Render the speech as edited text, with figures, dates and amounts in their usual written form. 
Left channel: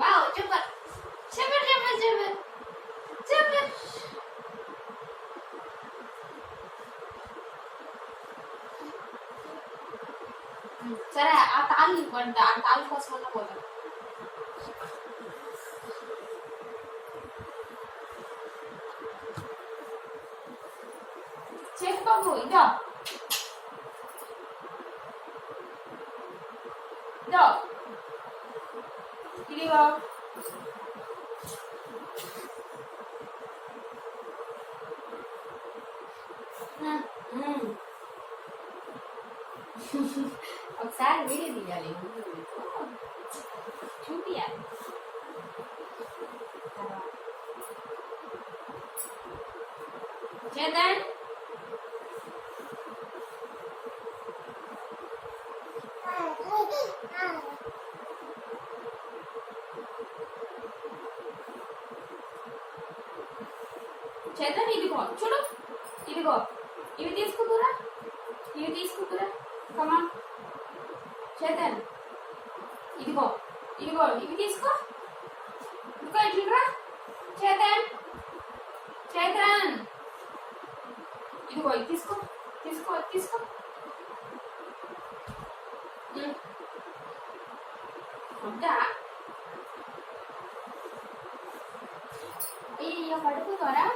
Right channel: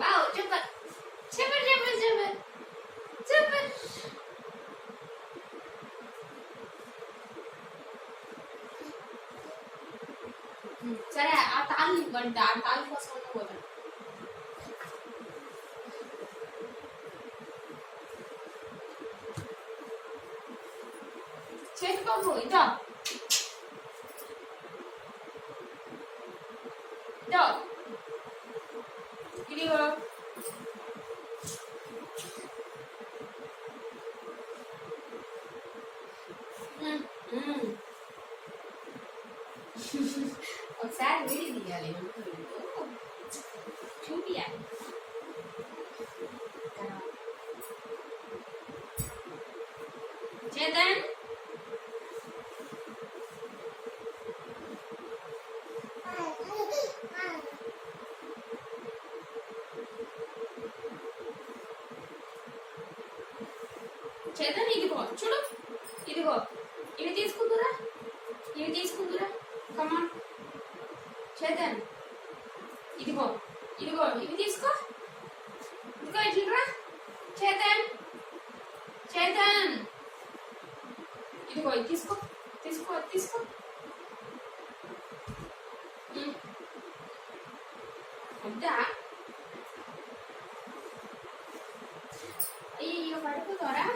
Wow super super super super super. సరే ఆ తాళ్ళు ఇవ్వండి, ఆ తాళ్ళు కోసం పోదాం. చేసుకోకు ఇదో ఇదో ఇదిగో. ఒకసారి వీడియో తీయాలి, చూపియాలి. చేద్దాం. చేద్దాం. ఇదిగో చూడు, ఇదిగో ఇవి తీసుకుందురా, ఇవి తీసుకుందురా. కమా చేద్దాం. ఇదిగో ఇదిగో ఇవి తీసుకో, ఇదిగో ఇట్లా చేద్దాం. చేద్దాం. ఇదిగో ఇది తీసుకో, తీసుకో తీసుకో. వద్దా? అయ్యో పడుకోరా.